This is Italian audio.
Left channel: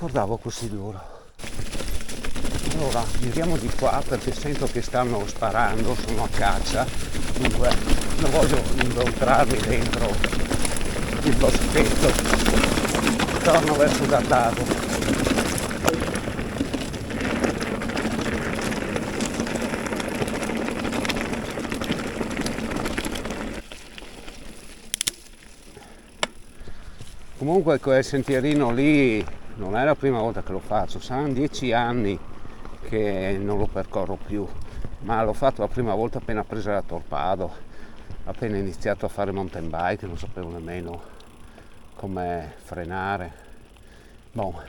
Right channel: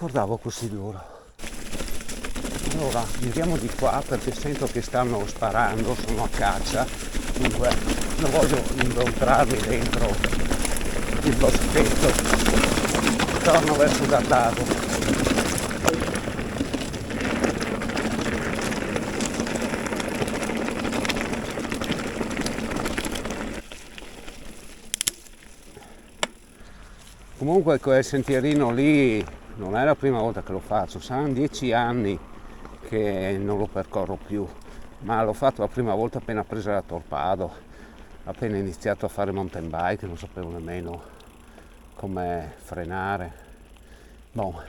ricordavo così duro. Allora giriamo di qua perché sento che stanno sparando, sono a caccia, dunque non voglio inoltrarmi dentro il boschetto. Torno verso Dattago. Comunque quel sentierino lì non è la prima volta che lo faccio, saranno 10 anni che non lo percorro più, ma l'ho fatto la prima volta appena presa la Torpado, appena iniziato a fare mountain bike, non sapevo nemmeno come frenare. Boh,